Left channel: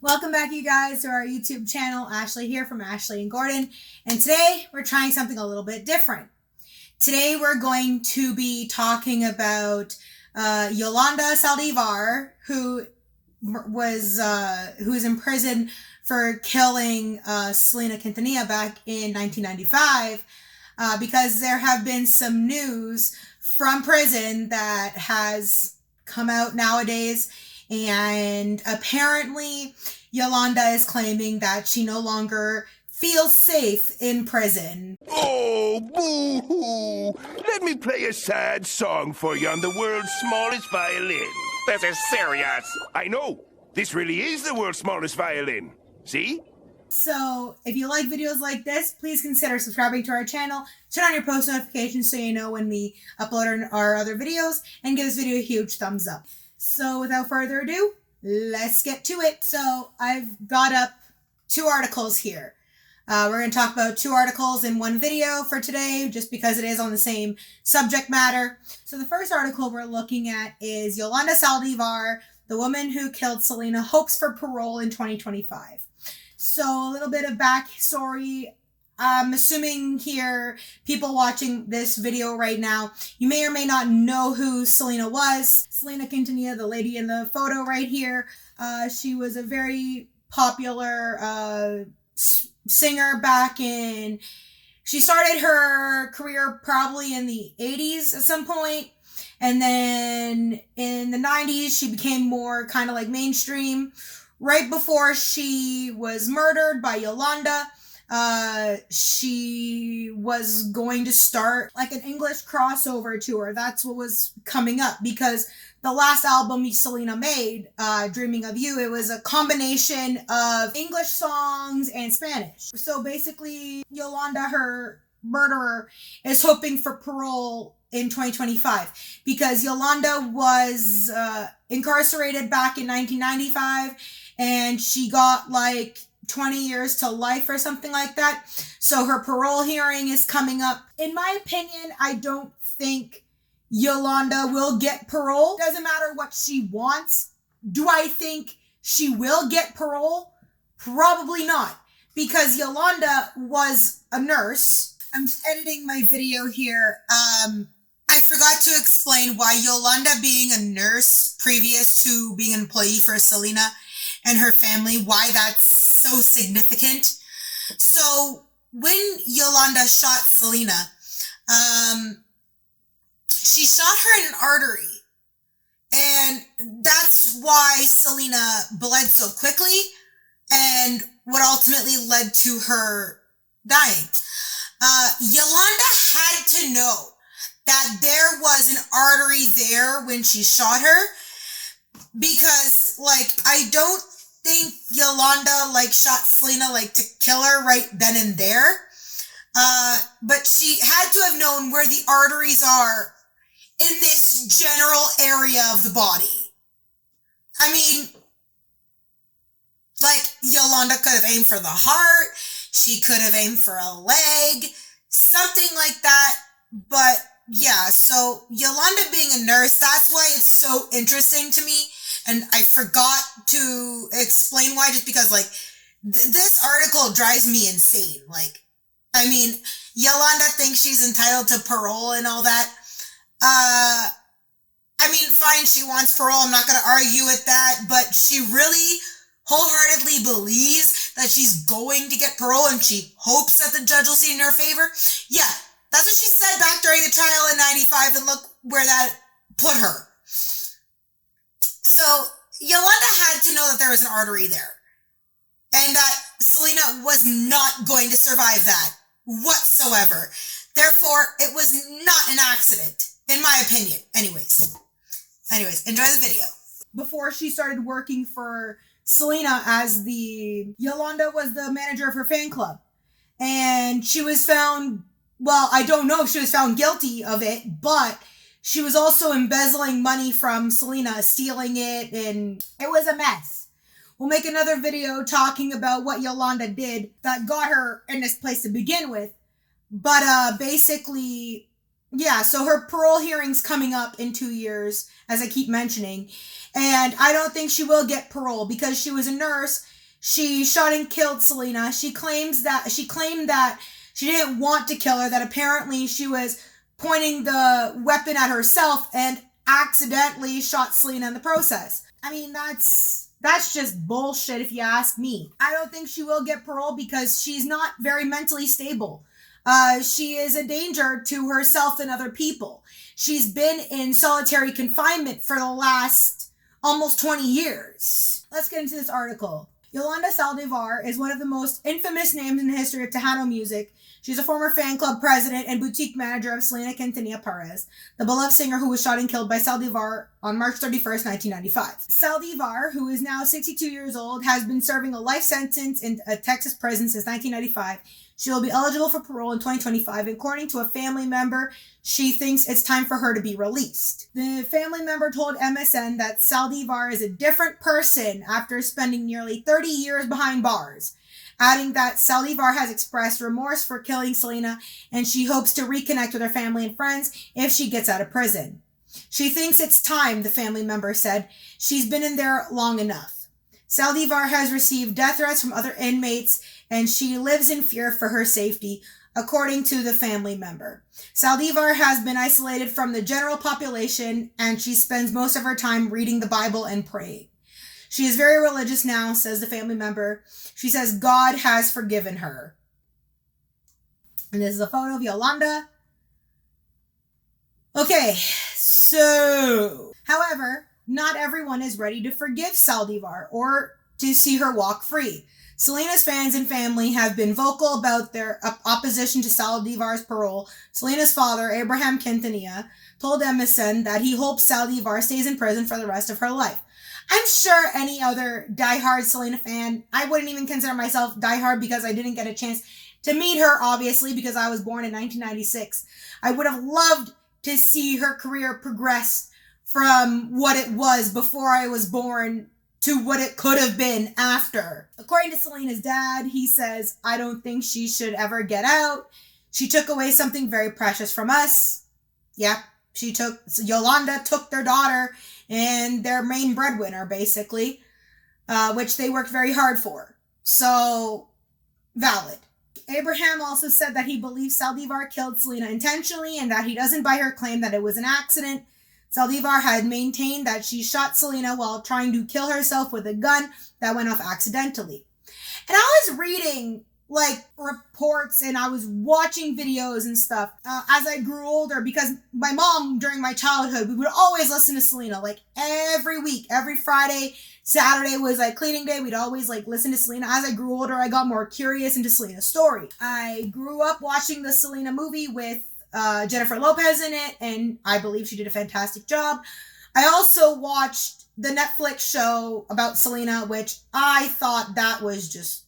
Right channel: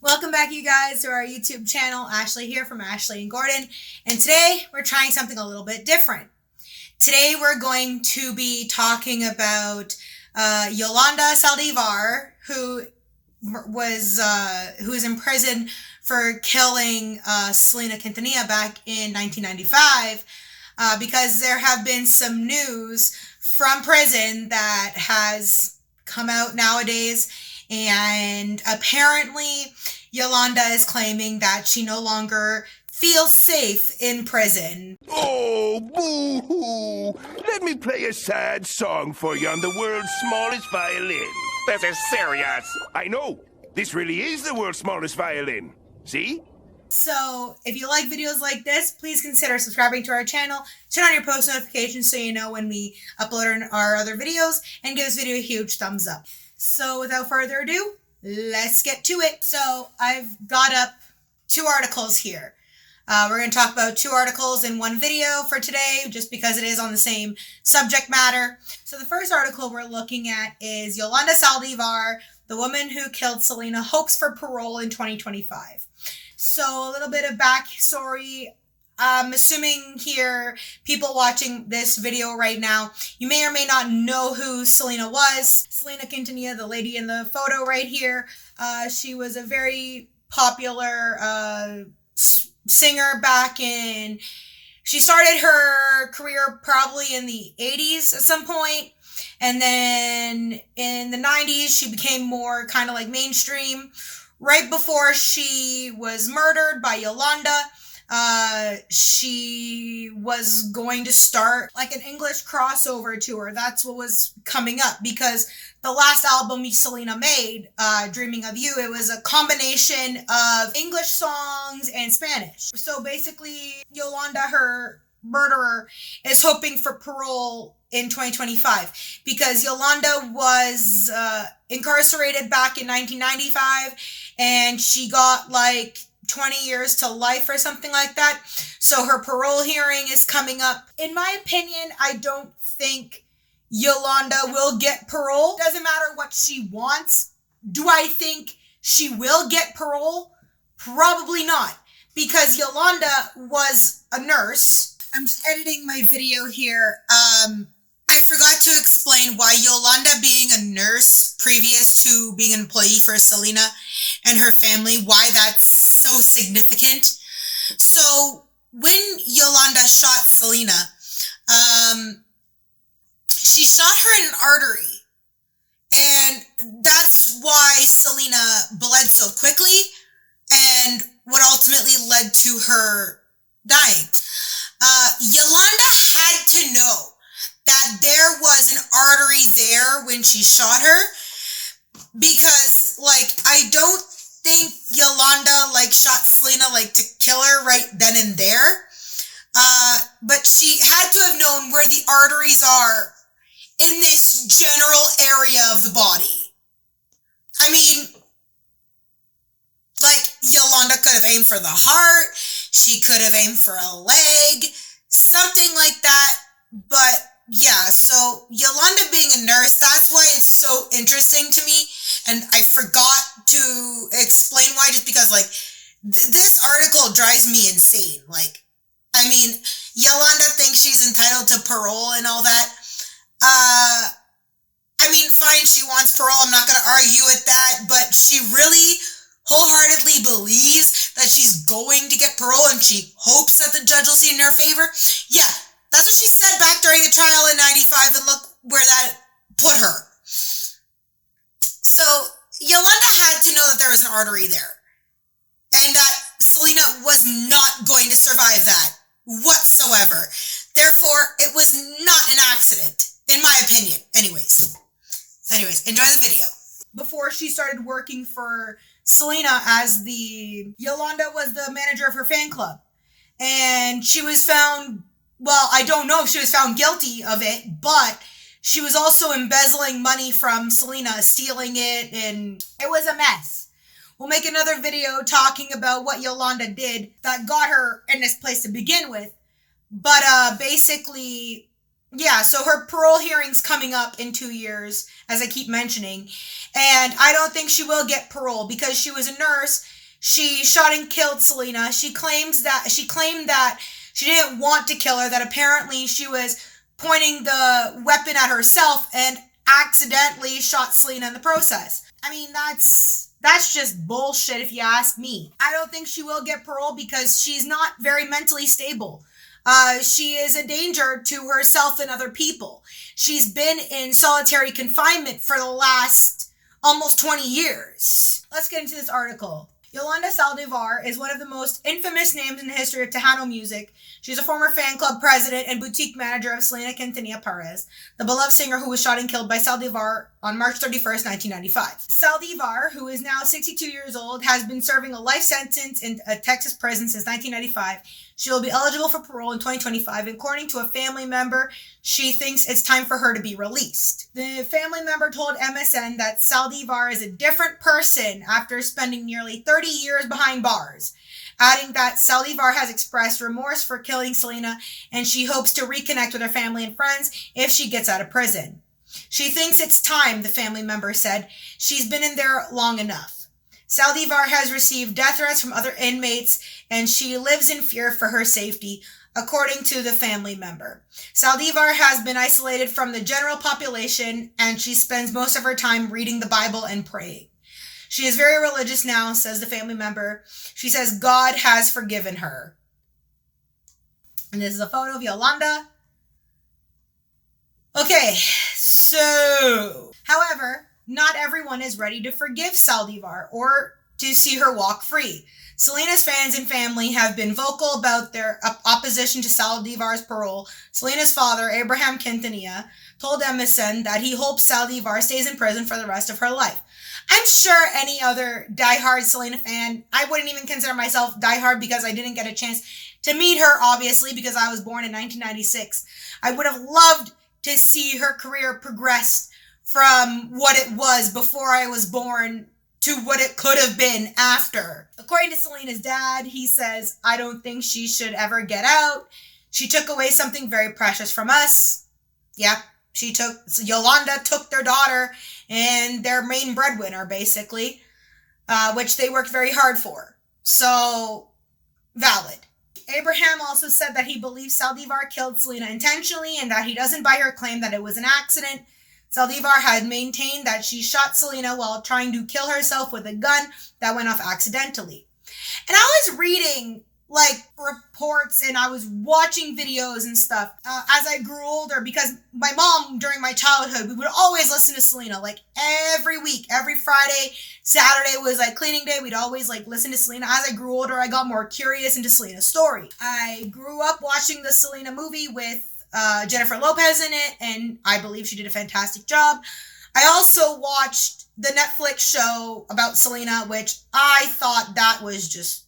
Welcome back, you guys, to our YouTube channel. Ashley here from Ashley and Gordon. And today we're trying something a little bit different. Today we're going to be talking about Yolanda Saldivar, who is in prison for killing Selena Quintanilla back in 1995, because there have been some news from prison that has come out nowadays. And apparently, Yolanda is claiming that she no longer feels safe in prison. Oh, boo-hoo! Let me play a sad song for you on the world's smallest violin. This is serious. I know. This really is the world's smallest violin. See? So, if you like videos like this, please consider subscribing to our channel, turn on your post notifications so you know when we upload our other videos, and give this video a huge thumbs up. So without further ado, let's get to it. So I've got up two articles here. We're going to talk about two articles in one video for today, just because it is on the same subject matter. So the first article we're looking at is Yolanda Saldivar, the woman who killed Selena, hopes for parole in 2025. So a little bit of backstory. I'm assuming here, people watching this video right now, you may or may not know who Selena was. Selena Quintanilla, the lady in the photo right here. She was a very popular singer back in... She started her career probably in the 80s at some point. And then in the 90s, she became more kind of like mainstream. Right before she was murdered by Yolanda, she was going to start like an English crossover tour. That's what was coming up, because the last album Selena made, Dreaming of You, it was a combination of English songs and Spanish. So basically, Yolanda, her murderer, is hoping for parole in 2025, because Yolanda was incarcerated back in 1995, and she got like 20 years to life or something like that. So her parole hearing is coming up. In my opinion, I don't think Yolanda will get parole. Doesn't matter what she wants. Do I think she will get parole? Probably not, because Yolanda was a nurse. I'm editing my video here. I forgot to explain why Yolanda, being a nurse previous to being an employee for Selena and her family, why that's so significant. So when Yolanda shot Selena, she shot her in an artery, and that's why Selena bled so quickly, and what ultimately led to her dying. Yolanda had to know that there was an artery there when she shot her, because, like, I don't think Yolanda, like, shot Selena, like, to kill her right then and there. But she had to have known where the arteries are in this general area of the body. I mean, like, Yolanda could have aimed for the heart. She could have aimed for a leg, something like that. But yeah, so Yolanda being a nurse, that's why it's so interesting to me. And I forgot to explain why, just because, like, this article drives me insane. Like, I mean, Yolanda thinks she's entitled to parole and all that. I mean, fine, she wants parole. I'm not going to argue with that. But she really wholeheartedly believes that she's going to get parole, and she hopes that the judge will see in her favor. Yeah, that's what she said back during the trial in 95, and look where that put her. So Yolanda had to know that there was an artery there, and that Selena was not going to survive that whatsoever. Therefore, it was not an accident, in my opinion. Anyways, enjoy the video. Before she started working for Selena, Yolanda was the manager of her fan club, and she was found, well, I don't know if she was found guilty of it, but she was also embezzling money from Selena, stealing it, and it was a mess. We'll make another video talking about what Yolanda did that got her in this place to begin with. But basically, Yeah, so her parole hearing's coming up in 2 years, as I keep mentioning. And I don't think she will get parole because she was a nurse. She shot and killed Selena. She claimed that she didn't want to kill her, that apparently she was pointing the weapon at herself and accidentally shot Selena in the process. I mean, that's just bullshit if you ask me. I don't think she will get parole because she's not very mentally stable. She is a danger to herself and other people. She's been in solitary confinement for the last almost 20 years. Let's get into this article. Yolanda Saldivar is one of the most infamous names in the history of Tejano music. She's a former fan club president and boutique manager of Selena Quintanilla-Perez, the beloved singer who was shot and killed by Saldivar on March 31st, 1995. Saldivar, who is now 62 years old, has been serving a life sentence in a Texas prison since 1995. She will be eligible for parole in 2025. According to a family member, she thinks it's time for her to be released. The family member told MSN that Saldivar is a different person after spending nearly 30 years behind bars, adding that Saldivar has expressed remorse for killing Selena and she hopes to reconnect with her family and friends if she gets out of prison. She thinks it's time, the family member said. She's been in there long enough. Saldivar has received death threats from other inmates and she lives in fear for her safety, according to the family member. Saldivar has been isolated from the general population and she spends most of her time reading the Bible and praying. She is very religious now, says the family member. She says God has forgiven her. And this is a photo of Yolanda. Okay, so, however, not everyone is ready to forgive Saldivar or to see her walk free. Selena's fans and family have been vocal about their opposition to Saldivar's parole. Selena's father, Abraham Quintanilla, told MSN that he hopes Saldivar stays in prison for the rest of her life. I'm sure any other diehard Selena fan, I wouldn't even consider myself diehard because I didn't get a chance to meet her, obviously, because I was born in 1996. I would have loved to see her career progress from what it was before I was born to what it could have been after. According to Selena's dad, he says, I don't think she should ever get out. She took away something very precious from us. Yeah, Yolanda took their daughter and their main breadwinner, basically, which they worked very hard for. So, valid. Abraham also said that he believes Saldivar killed Selena intentionally and that he doesn't buy her claim that it was an accident. Saldivar had maintained that she shot Selena while trying to kill herself with a gun that went off accidentally. And I was reading reports and I was watching videos and stuff as I grew older because my mom during my childhood, we would always listen to Selena every week, every Friday. Saturday was cleaning day. We'd always listen to Selena. As I grew older, I got more curious into Selena's story. I grew up watching the Selena movie with Jennifer Lopez in it, and I believe she did a fantastic job. I also watched the Netflix show about Selena, which I thought that was just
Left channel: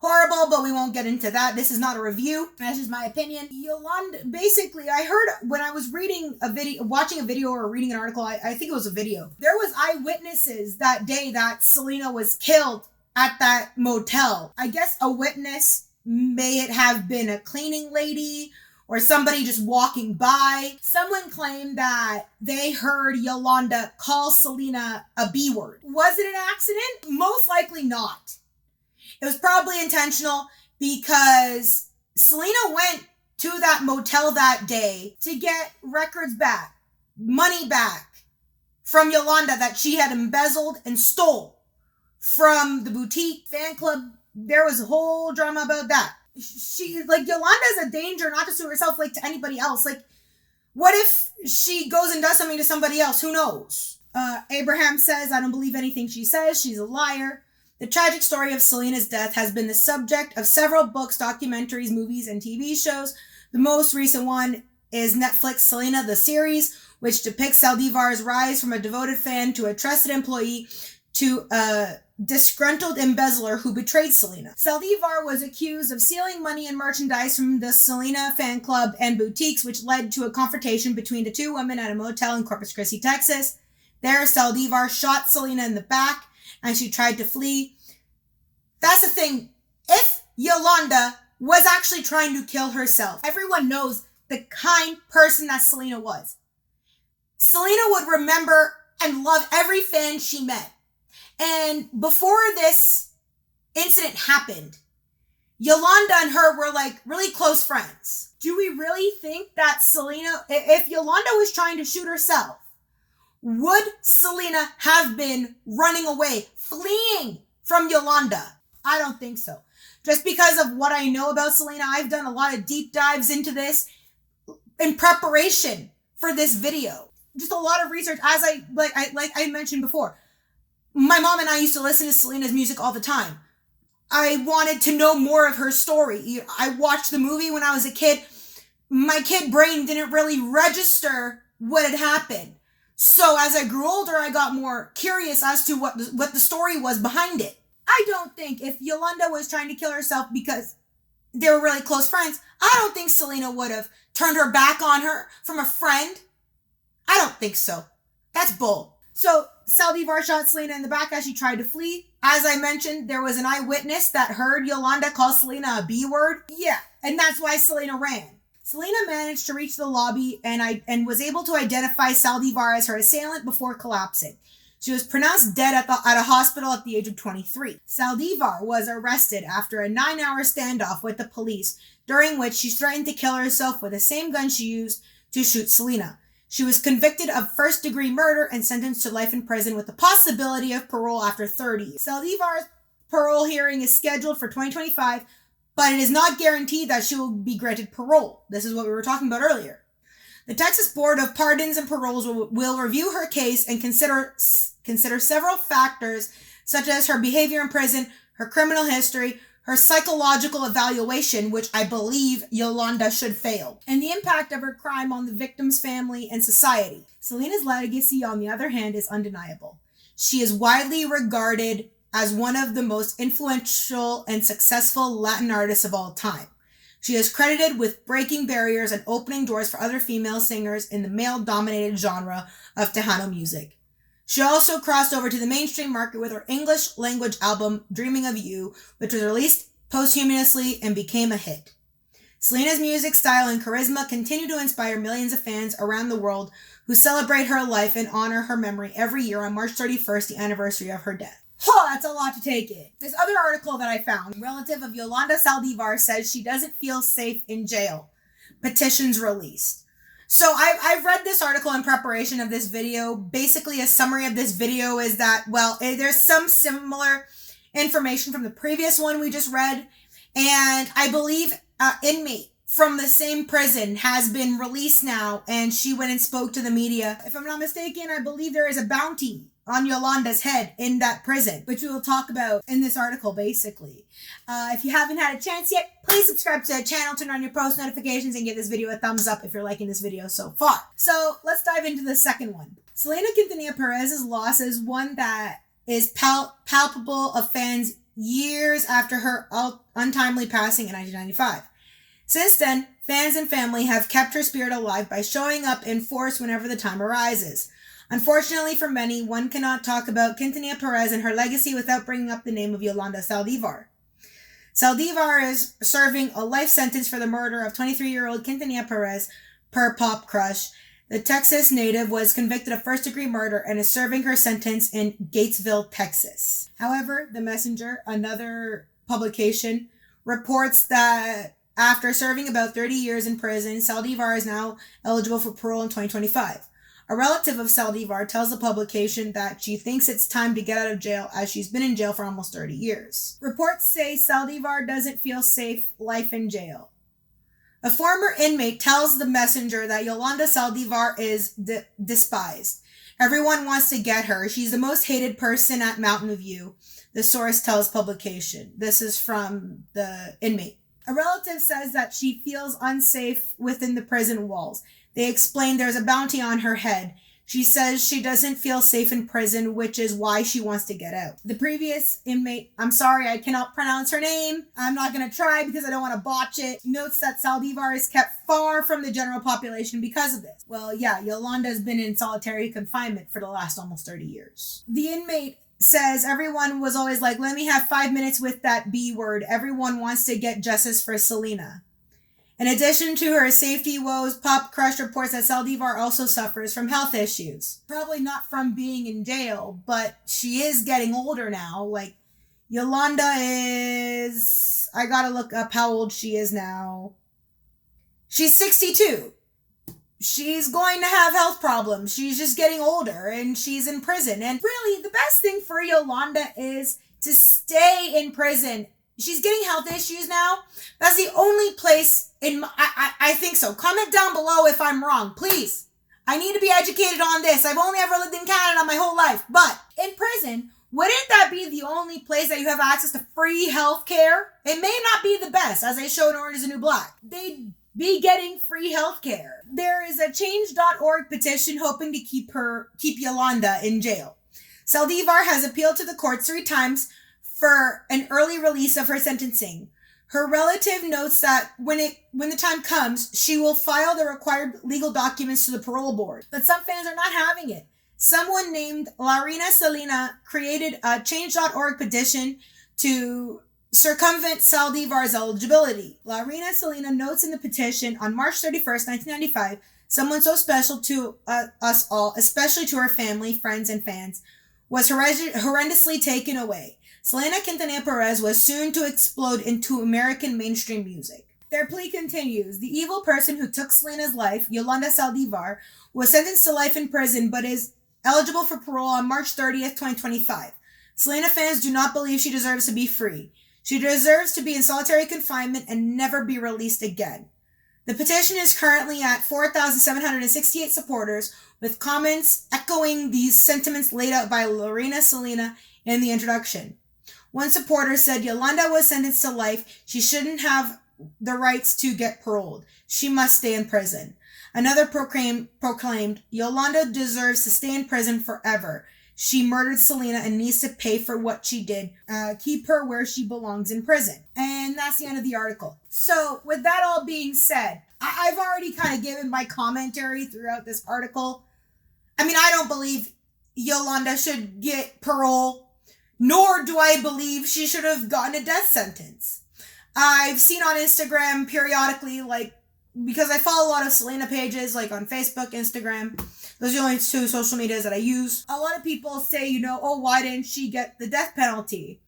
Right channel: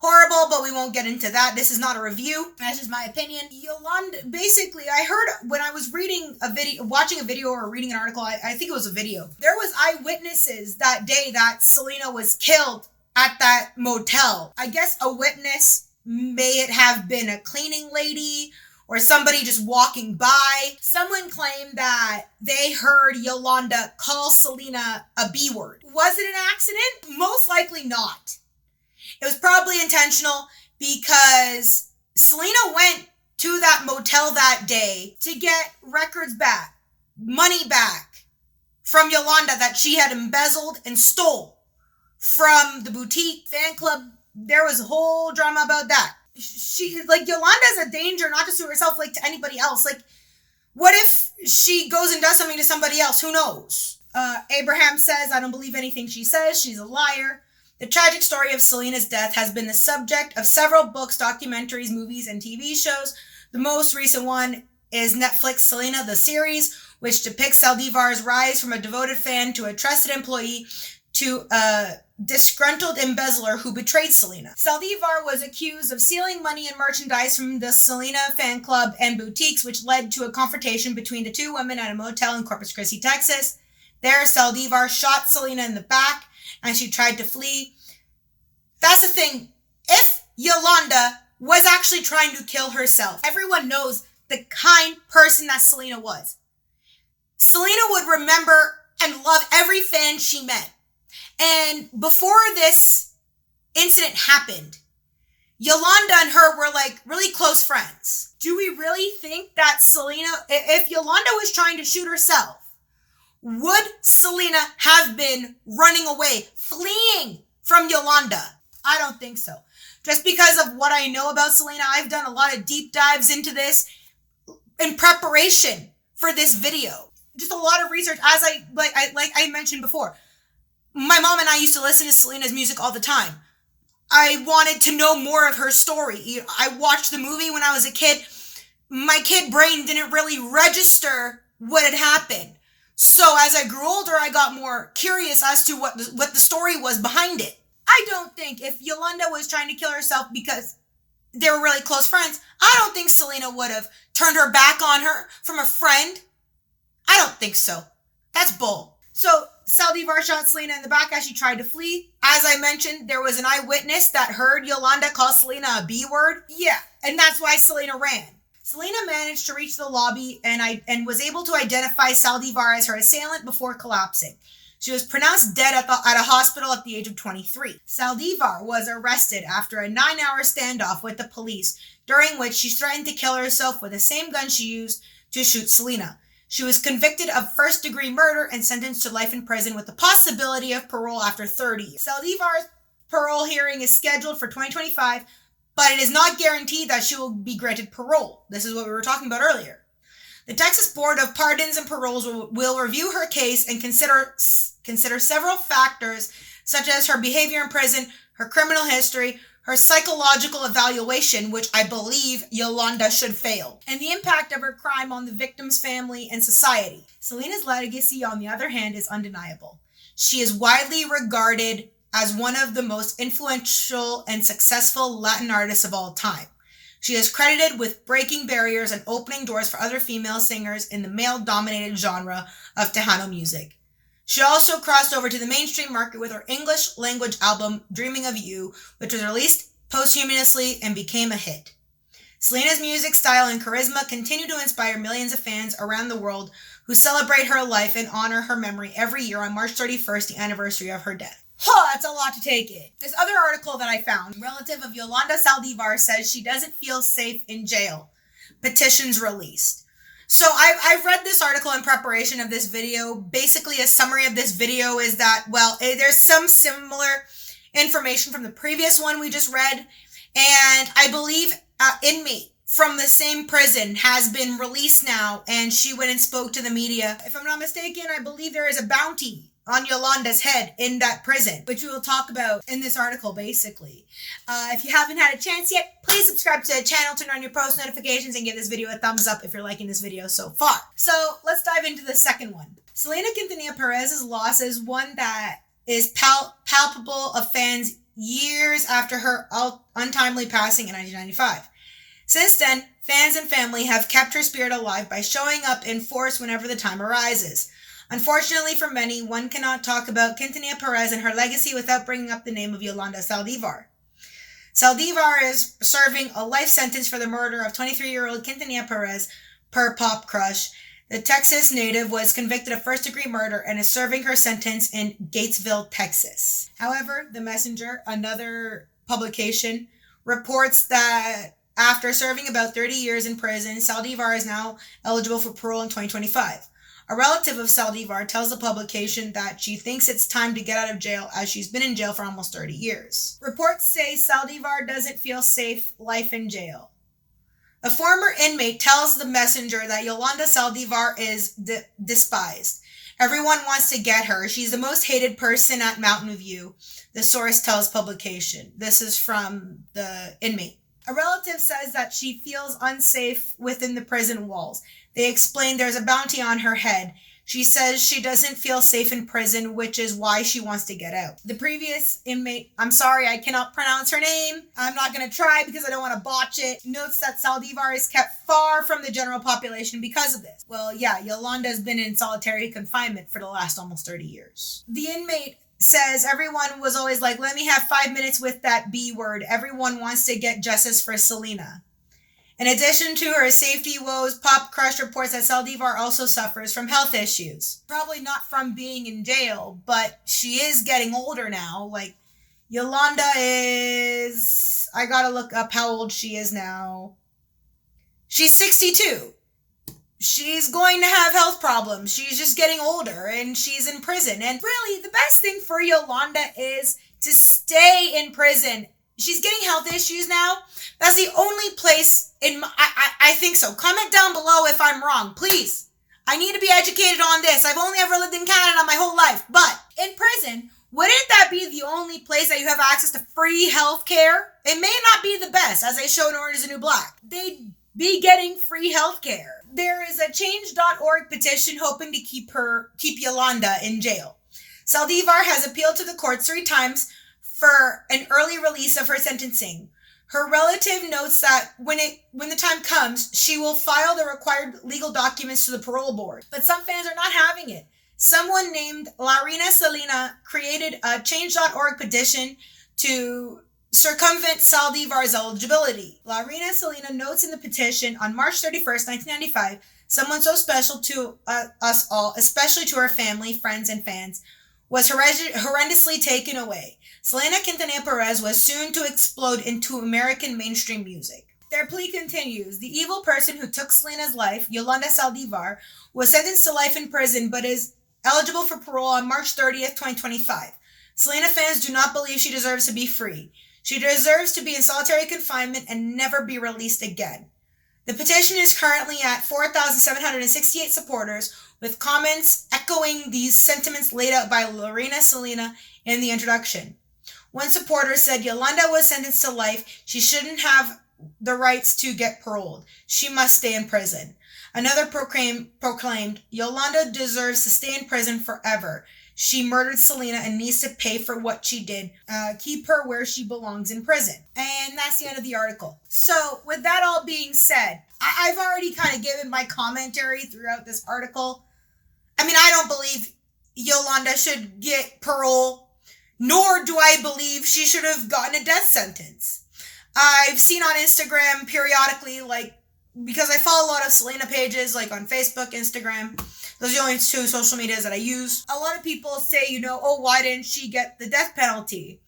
horrible, but we won't get into that. This is not a review. That's just my opinion. Yolanda, basically, I heard when I was watching a video or reading an article, I think it was a video. There was eyewitnesses that day that Selena was killed at that motel. I guess a witness, may it have been a cleaning lady or somebody just walking by. Someone claimed that they heard Yolanda call Selena a B word. Was it an accident? Most likely not. It was probably intentional because Selena went to that motel that day to get records back, money back from Yolanda that she had embezzled and stole from the boutique fan club. There was a whole drama about that. Yolanda's a danger, not just to herself, to anybody else. What if she goes and does something to somebody else? Who knows? Abraham says, I don't believe anything she says. She's a liar. The tragic story of Selena's death has been the subject of several books, documentaries, movies, and TV shows. The most recent one is Netflix Selena, the series, which depicts Saldivar's rise from a devoted fan to a trusted employee to a disgruntled embezzler who betrayed Selena. Saldivar was accused of stealing money and merchandise from the Selena fan club and boutiques, which led to a confrontation between the two women at a motel in Corpus Christi, Texas. There, Saldivar shot Selena in the back and she tried to flee. That's the thing. If Yolanda was actually trying to kill herself, everyone knows the kind person that Selena was. Selena would remember and love every fan she met. And before this incident happened, Yolanda and her were like really close friends. Do we really think that Selena, if Yolanda was trying to shoot herself, would Selena have been running away, fleeing from Yolanda? I don't think so. Just because of what I know about Selena, I've done a lot of deep dives into this in preparation for this video. Just a lot of research, as I mentioned before. My mom and I used to listen to Selena's music all the time. I wanted to know more of her story. I watched the movie when I was a kid. My kid brain didn't really register what had happened. So as I grew older, I got more curious as to what the story was behind it. I don't think if Yolanda was trying to kill herself because they were really close friends, I don't think Selena would have turned her back on her from a friend. I don't think so. That's bull. So Saldivar shot Selena in the back as she tried to flee. As I mentioned, there was an eyewitness that heard Yolanda call Selena a B word. Yeah, and that's why Selena ran. Selena managed to reach the lobby and was able to identify Saldivar as her assailant before collapsing. She was pronounced dead at a hospital at the age of 23. Saldivar was arrested after a 9-hour standoff with the police, during which she threatened to kill herself with the same gun she used to shoot Selena. She was convicted of first-degree murder and sentenced to life in prison with the possibility of parole after 30 years. Saldivar's parole hearing is scheduled for 2025, but it is not guaranteed that she will be granted parole. This is what we were talking about earlier. The Texas Board of Pardons and Paroles will review her case and consider several factors such as her behavior in prison, her criminal history, her psychological evaluation, which I believe Yolanda should fail, and the impact of her crime on the victim's family and society. Selena's legacy, on the other hand, is undeniable. She is widely regarded as one of the most influential and successful Latin artists of all time. She is credited with breaking barriers and opening doors for other female singers in the male-dominated genre of Tejano music. She also crossed over to the mainstream market with her English language album, Dreaming of You, which was released posthumously and became a hit. Selena's music style and charisma continue to inspire millions of fans around the world who celebrate her life and honor her memory every year on March 31st, the anniversary of her death. That's a lot to take in. This other article that I found, a relative of Yolanda Saldivar, says she doesn't feel safe in jail. Petitions released. So I've read this article in preparation of this video. Basically, a summary of this video is that, well, there's some similar information from the previous one we just read. And I believe inmate from the same prison has been released now. And she went and spoke to the media. If I'm not mistaken, I believe there is a bounty on Yolanda's head in that prison, which we will talk about in this article, basically. If you haven't had a chance yet, please subscribe to the channel, turn on your post notifications, and give this video a thumbs up if you're liking this video so far. So let's dive into the second one. Selena Quintanilla-Perez's loss is one that is palpable of fans years after her untimely passing in 1995. Since then, fans and family have kept her spirit alive by showing up in force whenever the time arises. Unfortunately for many, one cannot talk about Quintanilla-Perez and her legacy without bringing up the name of Yolanda Saldivar. Saldivar is serving a life sentence for the murder of 23-year-old Quintanilla-Perez per Pop Crush. The Texas native was convicted of first-degree murder and is serving her sentence in Gatesville, Texas. However, The Messenger, another publication, reports that after serving about 30 years in prison, Saldivar is now eligible for parole in 2025. A relative of Saldivar tells the publication that she thinks it's time to get out of jail as she's been in jail for almost 30 years. Reports say Saldivar doesn't feel safe life in jail. A former inmate tells The Messenger that Yolanda Saldivar is despised. Everyone wants to get her. She's the most hated person at Mountain View, the source tells publication. This is from the inmate. A relative says that she feels unsafe within the prison walls. They explain there's a bounty on her head. She says she doesn't feel safe in prison, which is why she wants to get out. The previous inmate, I'm sorry, I cannot pronounce her name. I'm not going to try because I don't want to botch it. Notes that Saldivar is kept far from the general population because of this. Well, yeah, Yolanda has been in solitary confinement for the last almost 30 years. The inmate says everyone was always like, let me have 5 minutes with that B word. Everyone wants to get justice for Selena. In addition to her safety woes, Pop Crush reports that Saldivar also suffers from health issues. Probably not from being in jail, but she is getting older now. Like, Yolanda is... I gotta look up how old she is now. She's 62. She's going to have health problems. She's just getting older and she's in prison. And really, the best thing for Yolanda is to stay in prison. She's getting health issues now. That's the only place I think so. Comment down below if I'm wrong, please. I need to be educated on this. I've only ever lived in Canada my whole life. But in prison, wouldn't that be the only place that you have access to free health care? It may not be the best, as they show in Orange is the New Black. They'd be getting free health care. There is a change.org petition hoping to keep Yolanda in jail. Saldivar has appealed to the courts 3 times for an early release of her sentencing. Her relative notes that when the time comes, she will file the required legal documents to the parole board. But some fans are not having it. Someone named Yolanda Saldivar created a change.org petition to circumvent Saldivar's eligibility. Yolanda Saldivar notes in the petition, on March 31st, 1995, someone so special to us all, especially to her family, friends, and fans, was horrendously taken away. Selena Quintanilla-Perez was soon to explode into American mainstream music. Their plea continues. The evil person who took Selena's life, Yolanda Saldivar, was sentenced to life in prison but is eligible for parole on March 30th, 2025. Selena fans do not believe she deserves to be free. She deserves to be in solitary confinement and never be released again. The petition is currently at 4,768 supporters, with comments echoing these sentiments laid out by Yolanda Saldivar in the introduction. One supporter said Yolanda was sentenced to life. She shouldn't have the rights to get paroled. She must stay in prison. Another proclaimed, Yolanda deserves to stay in prison forever. She murdered Selena and needs to pay for what she did. Keep her where she belongs, in prison. And that's the end of the article. So with that all being said, I've already kind of given my commentary throughout this article. I mean, I don't believe Yolanda should get parole, nor do I believe she should have gotten a death sentence. I've seen on Instagram periodically, like, because I follow a lot of Selena pages, like on Facebook, Instagram. Those are the only 2 social medias that I use. A lot of people say, oh, why didn't she get the death penalty?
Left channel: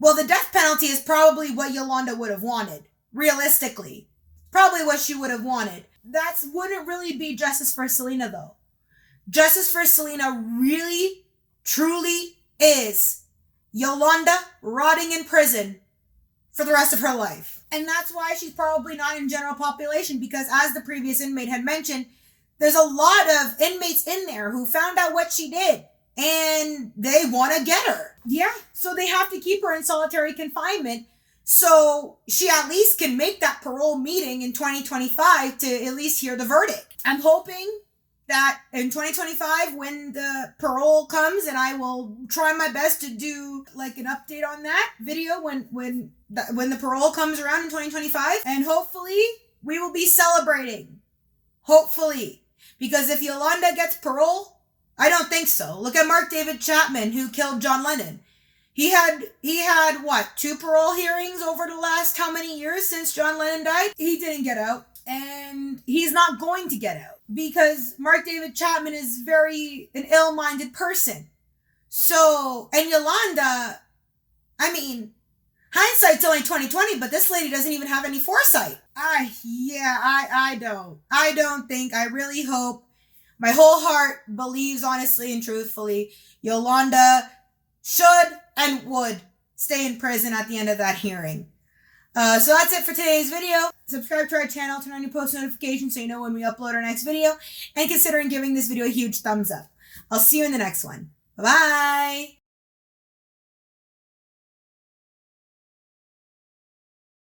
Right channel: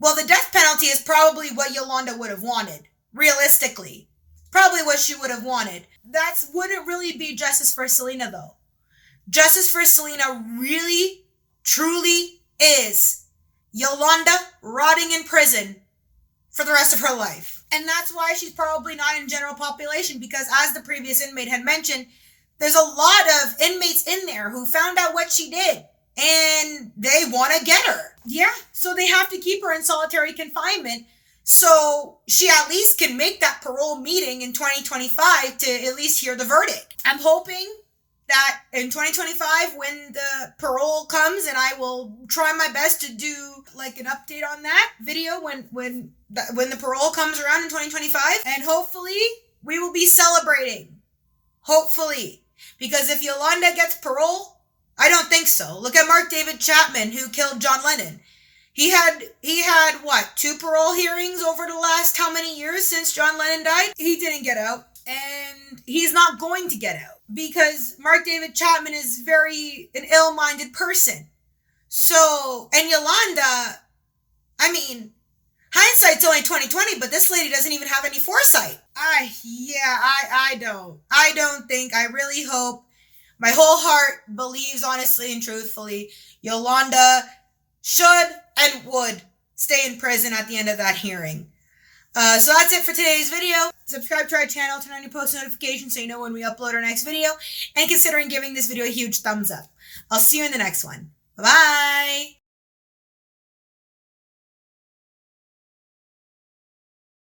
Well, the death penalty is probably what Yolanda would have wanted. Realistically. Probably what she would have wanted. That wouldn't really be justice for Selena, though. Justice for Selena really, truly is Yolanda rotting in prison for the rest of her life. And that's why she's probably not in general population, because as the previous inmate had mentioned, there's a lot of inmates in there who found out what she did and they want to get her. Yeah, so they have to keep her in solitary confinement so she at least can make that parole meeting in 2025 to at least hear the verdict. I'm hoping that in 2025, when the parole comes, and I will try my best to do like an update on that video when the parole comes around in 2025, and hopefully we will be celebrating. Hopefully. Because if Yolanda gets parole, I don't think so. Look at Mark David Chapman, who killed John Lennon. He had what, 2 parole hearings over the last how many years since John Lennon died? He didn't get out. And he's not going to get out because Mark David Chapman is an ill-minded person. So, and Yolanda, I mean, hindsight's only 2020, but this lady doesn't even have any foresight. I really hope, my whole heart believes honestly and truthfully, Yolanda should and would stay in prison at the end of that hearing. So that's it for today's video. Subscribe to our channel, turn on your post notifications so you know when we upload our next video, and considering giving this video a huge thumbs up. I'll see you in the next one. Bye-bye!